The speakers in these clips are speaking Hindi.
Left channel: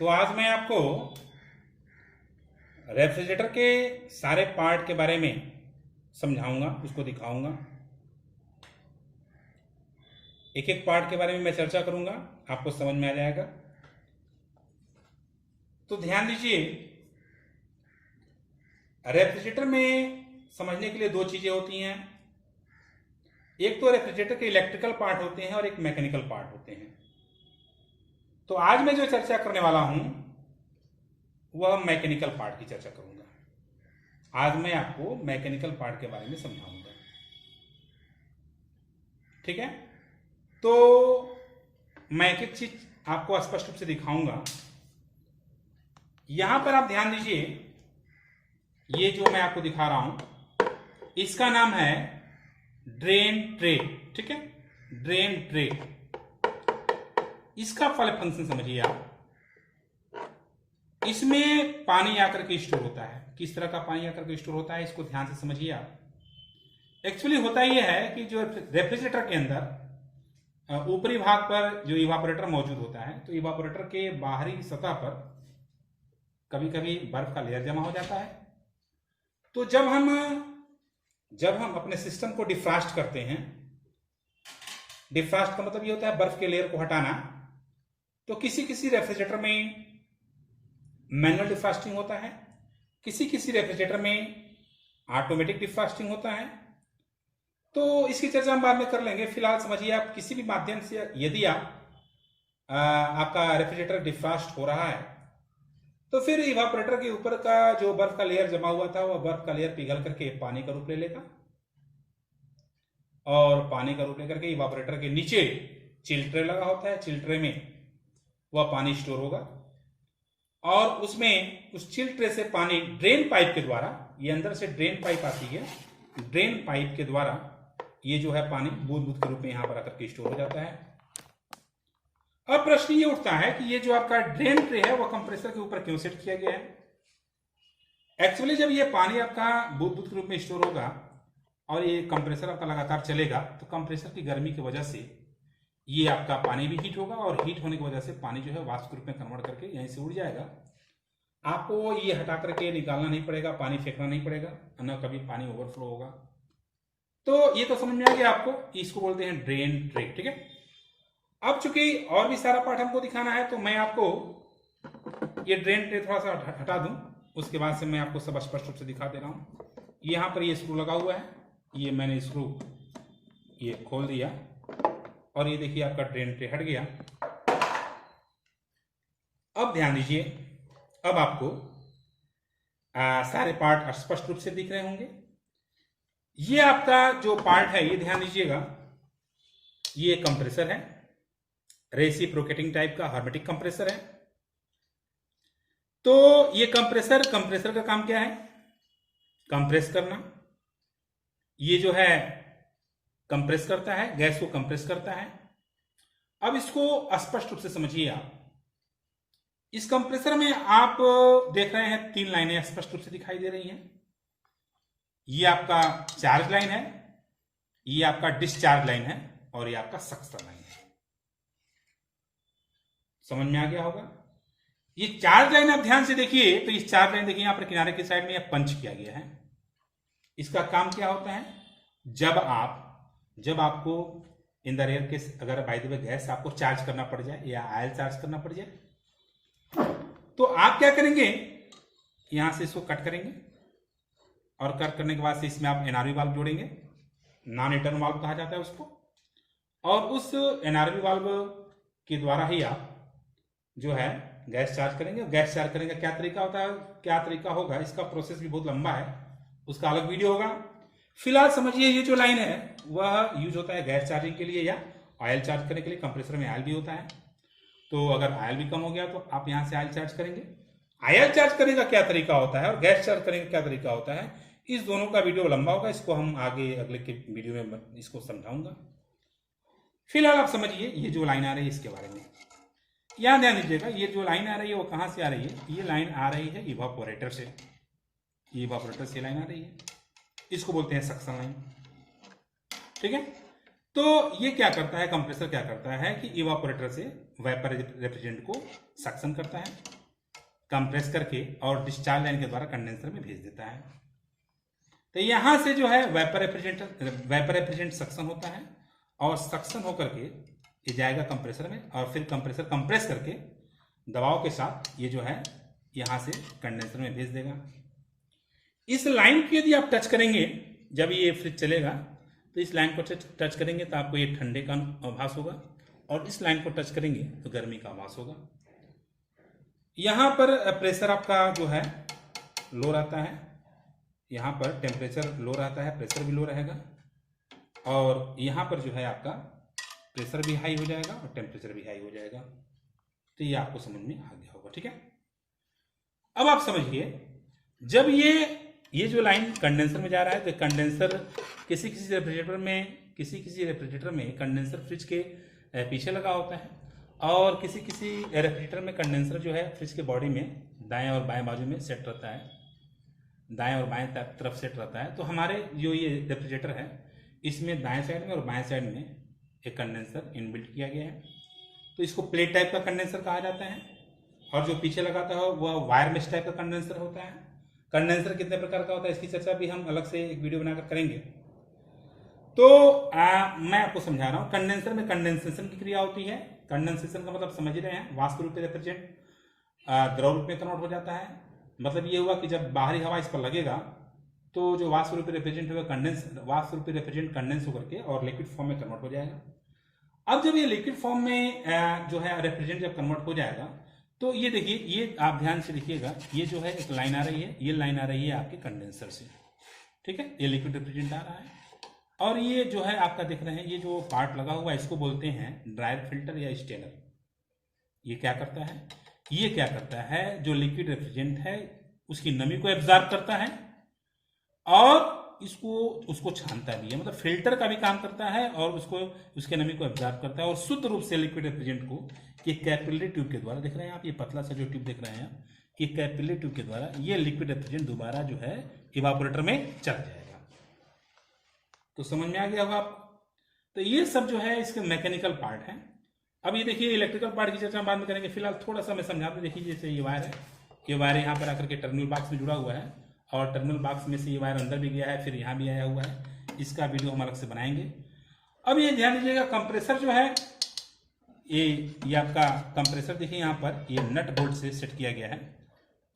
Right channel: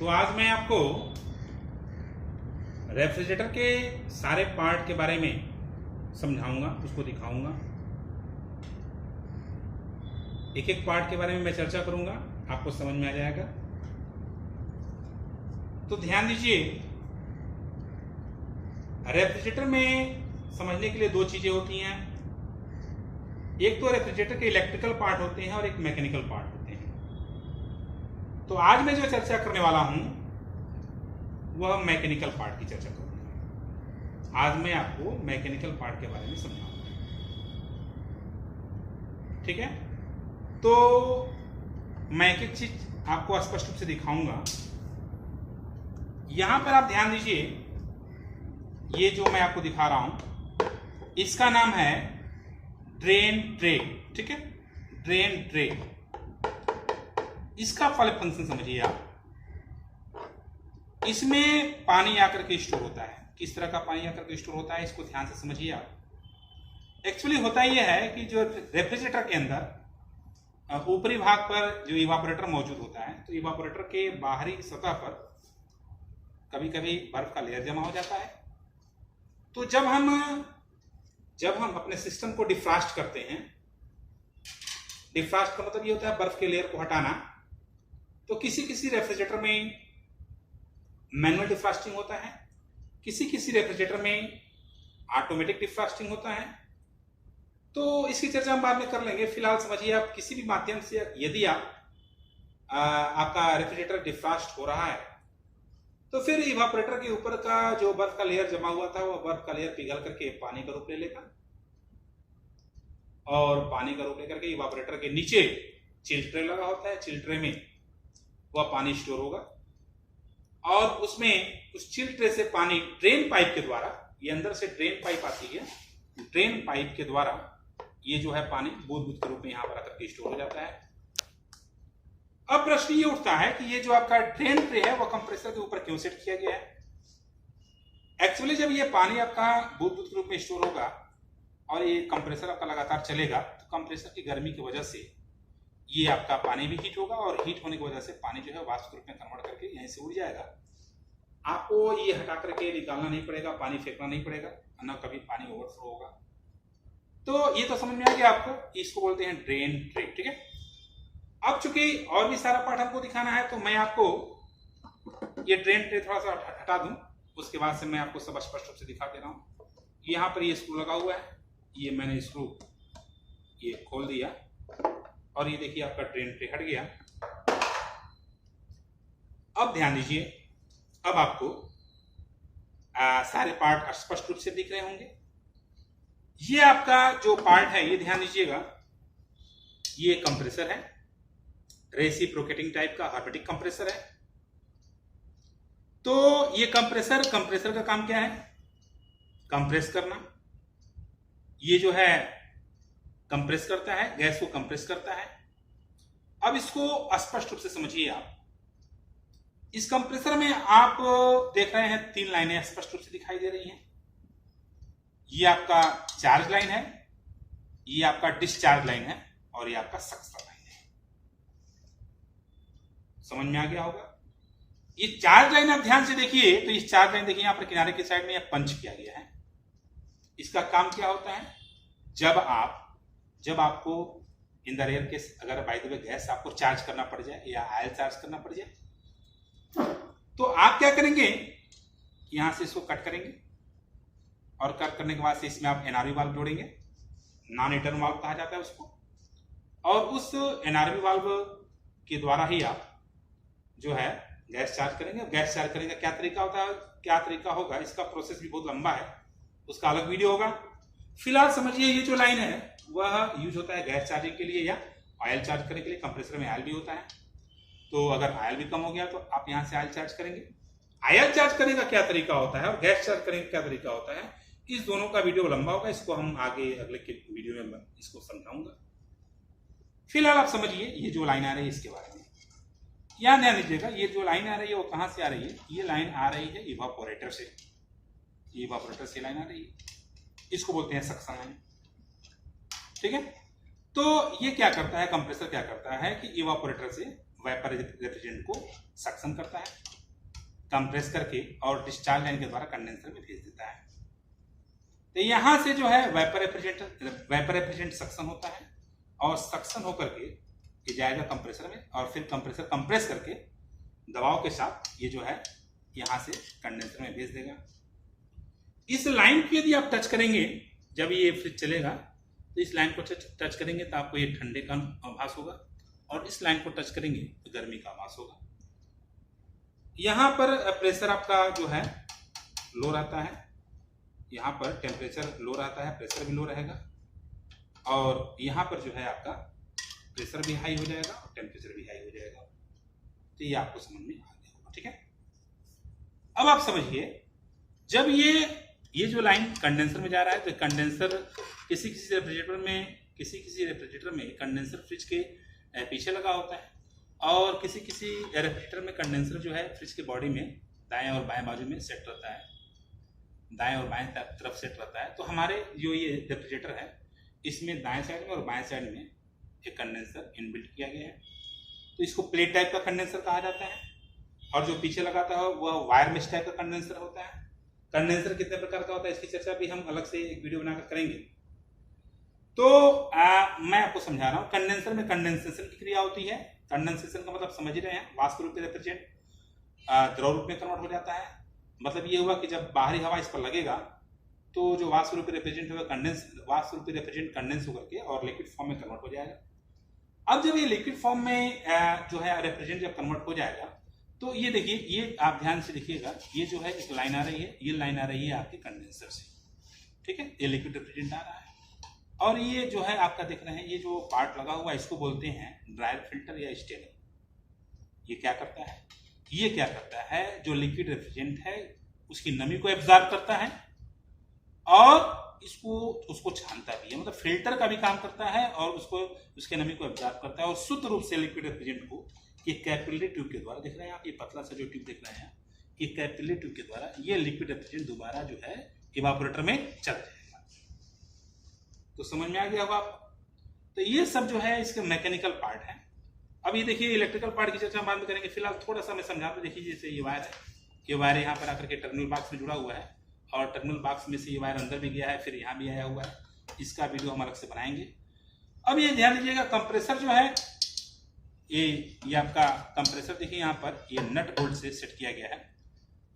तो आज मैं आपको रेफ्रिजरेटर के सारे पार्ट के बारे में समझाऊंगा, उसको दिखाऊंगा। एक एक पार्ट के बारे में मैं चर्चा करूंगा, आपको समझ में आ जाएगा। तो ध्यान दीजिए, रेफ्रिजरेटर में समझने के लिए दो चीजें होती हैं। एक तो रेफ्रिजरेटर के इलेक्ट्रिकल पार्ट होते हैं और एक मैकेनिकल पार्ट होते हैं। तो आज मैं जो चर्चा करने वाला हूं वह मैकेनिकल पार्ट की चर्चा करूंगा। आज मैं आपको मैकेनिकल पार्ट के बारे में समझाऊंगा, ठीक है। तो मैं एक एक चीज आपको स्पष्ट रूप से दिखाऊंगा। यहां पर आप ध्यान दीजिए, ये जो मैं आपको दिखा रहा हूं इसका नाम है ड्रेन ट्रे, ठीक है। ड्रेन ट्रे, इसका फंक्शन समझिए आप। इसमें पानी आकर के स्टोर होता है। किस तरह का पानी आकर के स्टोर होता है इसको ध्यान से समझिए आप। एक्चुअली होता यह है कि जो रेफ्रिजरेटर के अंदर ऊपरी भाग पर जो इवापोरेटर मौजूद होता है, तो इवापोरेटर के बाहरी सतह पर कभी कभी बर्फ का लेयर जमा हो जाता है। तो जब हम अपने सिस्टम को डिफ्रास्ट करते हैं, डिफ्रास्ट का मतलब ये होता है बर्फ के लेयर को हटाना। तो किसी किसी रेफ्रिजरेटर में मैनुअल डिफ्रास्टिंग होता है, किसी किसी रेफ्रिजरेटर में ऑटोमेटिक डिफ्रास्टिंग होता है। तो इसकी चर्चा हम बाद में कर लेंगे। फिलहाल समझिए आप, किसी भी माध्यम से यदि आपका रेफ्रिजरेटर डिफ्रास्ट हो रहा है तो फिर इवापोरेटर के ऊपर का जो बर्फ का लेयर जमा हुआ था वह बर्फ का लेयर पिघल करके पानी का रूप ले लेगा, और पानी का रूप लेकर के इवापोरेटर के नीचे चिल ट्रे लगा होता है, चिल ट्रे में वह पानी स्टोर होगा, और उसमें उस चिल ट्रे से पानी ड्रेन पाइप के द्वारा, ये अंदर से ड्रेन पाइप आती है, ड्रेन पाइप के द्वारा ये जो है पानी बूंद बूंद के रूप में यहां पर आकर के स्टोर हो जाता है। अब प्रश्न ये उठता है कि ये जो आपका ड्रेन ट्रे है वह कंप्रेसर के ऊपर क्यों सेट किया गया है। एक्चुअली जब ये पानी आपका बूंद बूंद के रूप में स्टोर होगा और ये कंप्रेसर आपका लगातार चलेगा, तो कंप्रेसर की गर्मी की वजह से ये आपका पानी भी हीट होगा, और हीट होने की वजह से पानी जो है वाष्प के रूप में कन्वर्ट करके यहीं से उड़ जाएगा। आपको ये हटा करके निकालना नहीं पड़ेगा, पानी फेंकना नहीं पड़ेगा, न कभी पानी ओवरफ्लो होगा। तो ये तो समझ में आ गया आपको, इसको बोलते हैं ड्रेन ट्रे, ठीक है। अब चूंकि और भी सारा पार्ट हमको दिखाना है, तो मैं आपको ये ड्रेन ट्रे थोड़ा सा हटा दूं, उसके बाद से मैं आपको सब स्पष्ट रूप से दिखा दे रहा हूं। यहां पर ये स्क्रू लगा हुआ है, ये मैंने स्क्रू ये खोल दिया, और ये देखिए आपका ड्रेन ट्रे हट गया। अब ध्यान दीजिए, अब आपको सारे पार्ट स्पष्ट रूप से दिख रहे होंगे। ये आपका जो पार्ट है, ये ध्यान दीजिएगा, ये कंप्रेसर है, रेसिप्रोकेटिंग टाइप का हर्मेटिक कंप्रेसर है। तो ये कंप्रेसर का काम क्या है? कंप्रेस करना। ये जो है कंप्रेस करता है, गैस को कंप्रेस करता है। अब इसको स्पष्ट रूप से समझिए आप। इस कंप्रेसर में आप देख रहे हैं 3 लाइनें स्पष्ट रूप से दिखाई दे रही हैं। ये आपका चार्ज लाइन है, ये आपका डिस्चार्ज लाइन है, और ये आपका सक्शन लाइन है। समझ में आ गया होगा। ये चार्ज लाइन आप ध्यान से देखिए, तो इस चार्ज लाइन देखिए यहां पर किनारे के साइड में यह पंच किया गया है। इसका काम क्या होता है? जब आपको इन द रेयर केस अगर बाय द वे गैस आपको चार्ज करना पड़ जाए या ऑयल चार्ज करना पड़ जाए, तो आप क्या करेंगे, यहां से इसको कट करेंगे, और कट करने के बाद से इसमें आप एनआरवी वाल्व जोड़ेंगे। नॉन रिटर्न वाल्व कहा जाता है उसको, और उस एनआरवी वाल्व के द्वारा ही आप जो है गैस चार्ज करेंगे। गैस चार्ज करने का क्या तरीका होता है, क्या तरीका होगा, इसका प्रोसेस भी बहुत लंबा है, उसका अलग वीडियो होगा। फिलहाल समझिए, ये जो लाइन है वह यूज होता है गैस चार्जिंग के लिए या ऑयल चार्ज करने के लिए। कंप्रेसर में ऑयल भी होता है, तो अगर ऑयल भी कम हो गया तो आप यहां से ऑयल चार्ज करेंगे। ऑयल चार्ज करने का क्या तरीका होता है और गैस चार्ज करने का क्या तरीका होता है, इस दोनों का वीडियो लंबा होगा, इसको हम आगे अगले के वीडियो में इसको समझाऊंगा। फिलहाल आप समझिए ये जो लाइन आ रही है इसके बारे में। यहां ध्यान दीजिएगा, ये जो लाइन आ रही है वो कहां से आ रही है? ये लाइन आ रही है इवापोरेटर से, इवापोरेटर से लाइन आ रही है, इसको बोलते हैं सक्शन लाइन, ठीक है। तो ये क्या करता है, कंप्रेसर क्या करता है कि इवापोरेटर से वेपर रेफ्रिजरेंट को सक्शन करता है, कंप्रेस करके और डिस्चार्ज लाइन के द्वारा कंडेंसर में भेज देता है। तो यहां से जो है वेपर रेफ्रिजरेंट सक्शन होता है और सक्शन होकर के ये जाएगा कंप्रेसर में और फिर कंप्रेसर कंप्रेस करके दबाव के साथ ये जो है यहां से कंडेंसर में भेज देगा। इस लाइन को यदि आप टच करेंगे, जब ये फ्रिज चलेगा तो इस लाइन को टच करेंगे तो आपको ये ठंडे का आभास होगा और इस लाइन को टच करेंगे तो गर्मी का आभास होगा। यहां पर प्रेशर आपका जो है लो रहता है, यहां पर टेम्परेचर लो रहता है, प्रेशर भी लो रहेगा और यहां पर जो है आपका प्रेशर भी हाई हो जाएगा और टेम्परेचर भी हाई हो जाएगा। तो ये आपको समझ में आ गया होगा, ठीक है। अब आप समझिए, जब ये जो लाइन कंडेंसर में जा रहा है तो कंडेंसर किसी रेफ्रिजरेटर में कंडेंसर फ्रिज के पीछे लगा होता है और किसी रेफ्रिजरेटर में कंडेंसर जो है फ्रिज के बॉडी में दाएं और बाएं बाजू में सेट रहता है, दाएं और बाएं तरफ सेट रहता है। तो हमारे जो ये रेफ्रिजरेटर है इसमें दाएं साइड में और बाएं साइड में एक कंडेंसर इनबिल्ट किया गया है। तो इसको प्लेट टाइप का कंडेंसर कहा जाता है और जो पीछे लगाता है वह वायर मेश टाइप का कंडेंसर होता है। कंडेंसर कितने प्रकार का होता है इसकी चर्चा भी हम अलग से एक वीडियो बनाकर करेंगे। तो मैं आपको समझा रहा हूं, कंडेंसर में कंडेंसेशन की क्रिया होती है। कंडेंसेशन का मतलब समझ ही रहे हैं, वाष्प रूपी रेफ्रिजरेंट द्रव रूप में कन्वर्ट हो जाता है। मतलब ये हुआ कि जब बाहरी हवा इस पर लगेगा तो जो वाष्प रूपी रेफ्रिजरेंट होगा वाष्प रूपी रेफ्रिजरेंट कंडेंस होकर के और लिक्विड फॉर्म में कन्वर्ट हो जाएगा। अब जब ये लिक्विड फॉर्म में जो है रेफ्रिजरेंट जब कन्वर्ट हो जाएगा तो ये देखिए, ये आप ध्यान से देखिएगा, ये जो है एक लाइन आ रही है, ये लाइन आ रही है आपके कंडेंसर से, ठीक है। ये लिक्विड रेफ्रिजरेंट आ रहा है और ये जो है आपका देख रहे हैं, ये जो पार्ट लगा हुआ है इसको बोलते हैं ड्रायर फिल्टर या स्टेनर। ये क्या करता है, ये क्या करता है, जो लिक्विड रेफ्रिजरेंट है उसकी नमी को एब्जॉर्ब करता है और उसको छानता भी है, मतलब फिल्टर का भी काम करता है और उसके नमी को एब्जॉर्ब करता है और शुद्ध रूप से लिक्विड रेफ्रिजरेंट को ये कैपिलरी ट्यूब के द्वारा, देख रहे हैं आप, ये पतला सा जो ट्यूब देख रहे हैं, ये कैपिलरी ट्यूब के द्वारा ये लिक्विड रेफ्रिजरेंट दोबारा जो है इवापोरेटर में चल जाएगा। तो समझ में आ गया होगा आपको। तो ये सब जो है इसके मैकेनिकल पार्ट है। अब ये देखिए इलेक्ट्रिकल पार्ट की चर्चा बाद में करेंगे, फिलहाल थोड़ा सा मैं समझा दूं। देखिए जैसे ये वायर है, ये वायर यहाँ पर आकर के टर्मिनल बॉक्स में जुड़ा हुआ है और टर्मिनल बॉक्स में से ये वायर अंदर भी गया है, फिर यहाँ भी आया हुआ है। इसका वीडियो हम अलग से बनाएंगे। अब ये ध्यान दीजिएगा, कंप्रेसर जो है ये आपका कंप्रेसर देखिए यहाँ पर ये नट बोल्ट से सेट किया गया है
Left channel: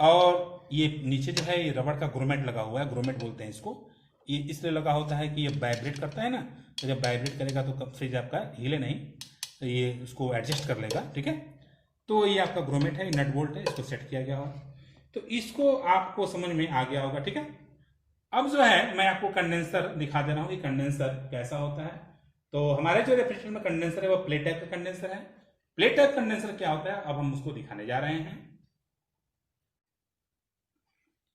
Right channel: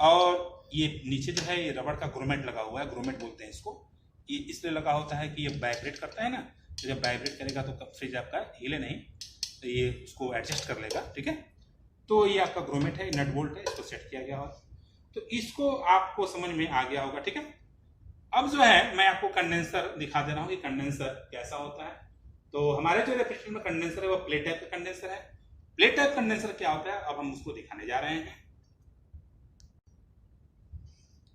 और ये नीचे जो है ये रबड़ का ग्रोमेट लगा हुआ है, ग्रोमेट बोलते हैं इसको। ये इसलिए लगा होता है कि ये वाइब्रेट करता है ना, तो जब वाइब्रेट करेगा तो फ्रिज आपका हिले नहीं, तो ये उसको एडजस्ट कर लेगा, ठीक है। तो ये आपका ग्रोमेट है, नट बोल्ट है, इसको सेट किया गया हो, तो इसको आपको समझ में आ गया होगा, ठीक है। अब जो है मैं आपको कंडेंसर दिखा दे रहा हूँ कि कंडेंसर कैसा होता है। तो हमारे जो रेफ्रिजरेटर में कंडेंसर है वो प्लेट टाइप का कंडेंसर है। प्लेट टाइप कंडेंसर क्या होता है अब हम उसको दिखाने जा रहे हैं।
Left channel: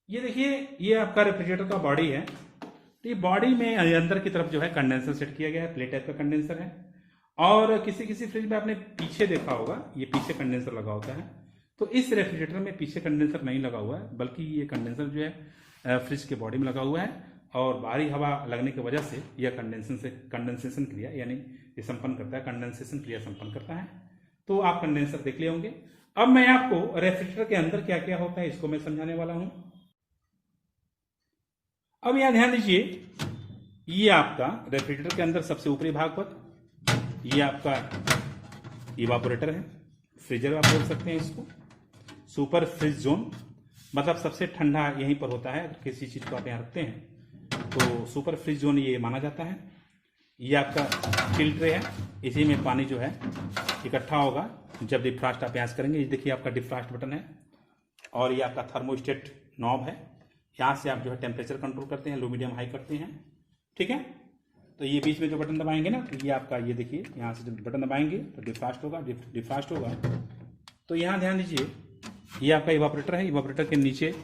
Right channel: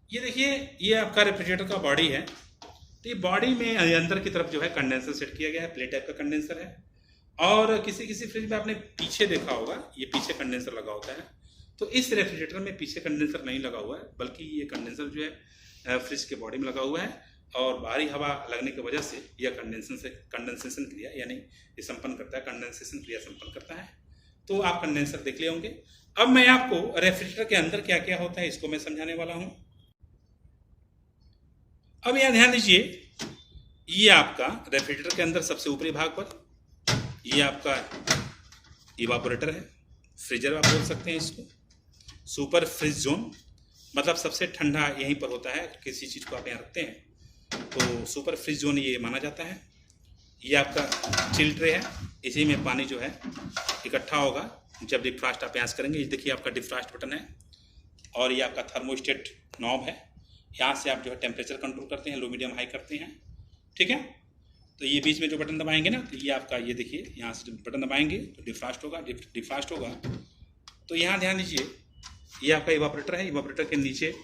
ये देखिए, ये आपका रेफ्रिजरेटर का बॉडी है। तो ये बॉडी में अंदर की तरफ जो है कंडेंसर सेट किया गया है, प्लेट टाइप का कंडेंसर है। और किसी फ्रिज में आपने पीछे देखा होगा, ये पीछे कंडेंसर लगा होता है। तो इस रेफ्रिजरेटर में पीछे कंडेंसर नहीं लगा हुआ है, बल्कि ये कंडेंसर जो है फ्रिज के बॉडी में लगा हुआ है और बाहरी हवा लगने की वजह से यह कंडेंसेशन क्रिया यानी ये संपन्न करता है, कंडेंसेशन क्रिया संपन्न करता है। तो आप कंडेंसर देख लिए होंगे। अब मैं आपको रेफ्रिजरेटर के अंदर क्या क्या होता है इसको मैं समझाने वाला हूं। अब यहां ध्यान दीजिए, ये आपका रेफ्रिजरेटर के अंदर सबसे ऊपरी भाग पर ये आपका इवापोरेटर है, फ्रीजर आप बोल सकते हैं इसको। सुपर फ्रिज जोन मतलब सबसे ठंडा यहीं पर होता है। अगर किसी चीज़ को आप यहाँ रखते हैं तो सुपर फ्रिज जोन ये माना जाता है। ये आपका चिल ट्रे है, इसी में पानी जो है इकट्ठा होगा जब डिफ्रास्ट आप यहाँ करेंगे। ये देखिए आपका डिफ्रास्ट बटन है और ये आपका थर्मोस्टेट नॉब है। यहाँ से आप जो है टेम्परेचर कंट्रोल करते हैं, लो मीडियम हाई करते हैं, ठीक है। तो ये बीच में जो बटन दबाएंगे ना, तो ये आपका ये देखिए यहाँ से जब बटन दबाएंगे तो डिफ्रास्ट होगा, डिफ्रास्ट होगा। तो यहाँ ध्यान दीजिए, ये आपका इवापोरेटर है। इवापोरेटर के नीचे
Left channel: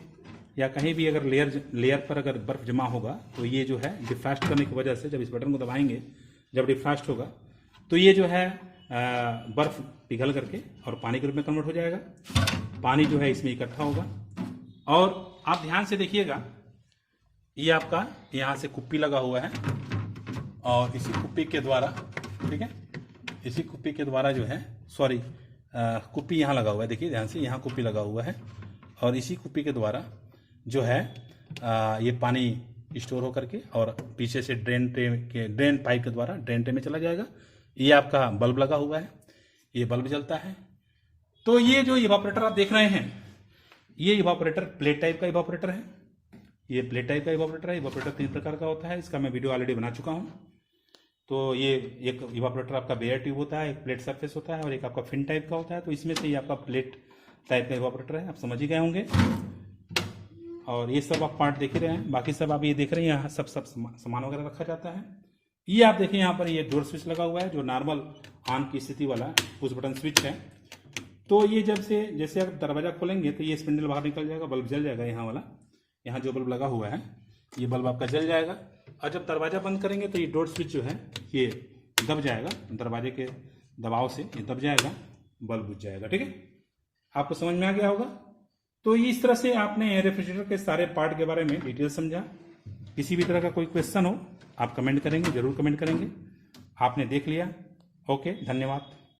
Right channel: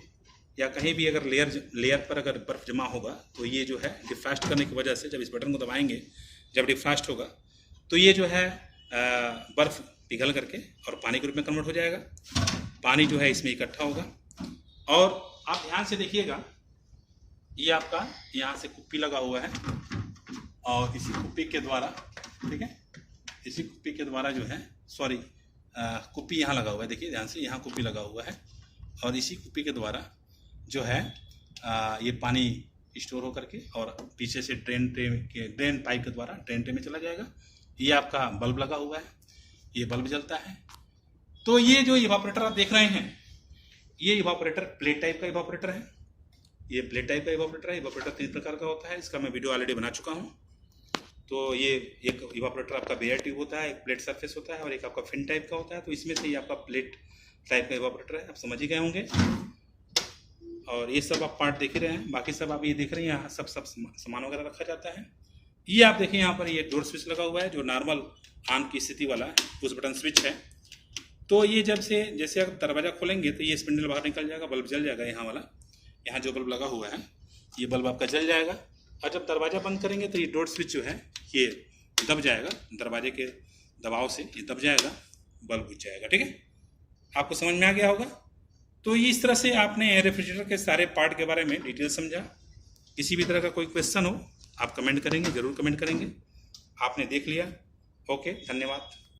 या कहीं भी अगर लेयर पर अगर बर्फ़ जमा होगा तो ये जो है डिफ्रास्ट करने की वजह से जब इस बटन को दबाएंगे, जब डिफ्रास्ट होगा तो ये जो है बर्फ़ पिघल करके और पानी के रूप में कन्वर्ट हो जाएगा। पानी जो है इसमें इकट्ठा होगा और आप ध्यान से देखिएगा, ये आपका यहाँ से कुप्पी लगा हुआ है और इसी कुप्पी के द्वारा, ठीक है, इसी कुप्पी के द्वारा जो है कुप्पी यहाँ लगा हुआ है, देखिए ध्यान से, यहाँ कुप्पी लगा हुआ है और इसी कुप्पी के द्वारा जो है ये पानी स्टोर होकर के और पीछे से ड्रेन पाइप के द्वारा ड्रेन ट्रे में चला जाएगा। ये आपका बल्ब लगा हुआ है, ये बल्ब जलता है। तो ये जो इवापोरेटर आप देख रहे हैं, ये इवापोरेटर प्लेट टाइप का इवापोरेटर है। ये प्लेट टाइप का इवापोरेटर है। इवापोरेटर 3 प्रकार का होता है, इसका मैं वीडियो ऑलरेडी बना चुका हूँ। तो ये एक इवापोरेटर आपका बेयर ट्यूब होता है, एक प्लेट सरफेस होता है और एक आपका फिन टाइप का होता है। तो इसमें से ये आपका प्लेट टाइप का इवापोरेटर है, आप समझ ही गए होंगे। और ये सब आप पार्ट देख ही रहे हैं, बाकी सब आप ये देख रहे हैं, यहाँ सब सामान वगैरह रखा जाता है। ये आप देखिए यहाँ पर ये डोर स्विच लगा हुआ है जो नॉर्मल ऑन की स्थिति वाला पुश बटन स्विच है। तो ये जब से जैसे आप दरवाज़ा खोलेंगे तो ये स्पिंडल बाहर निकल जाएगा, बल्ब जल जाएगा। यहाँ वाला, यहाँ जो बल्ब लगा हुआ है ये बल्ब आपका जल जाएगा। और जब दरवाज़ा बंद करेंगे तो ये डोर स्विच जो है ये दब जाएगा, दरवाजे के दबाव से ये दब जाएगा, बल्ब बुझ जाएगा। ठीक है, आपको समझ में आ गया होगा। तो इस तरह से आपने रेफ्रिजरेटर के सारे पार्ट के बारे में डिटेल समझा। किसी भी तरह का कोई क्वेश्चन हो आप कमेंट करेंगे, ज़रूर कमेंट करेंगे। आपने देख लिया, ओके, धन्यवाद।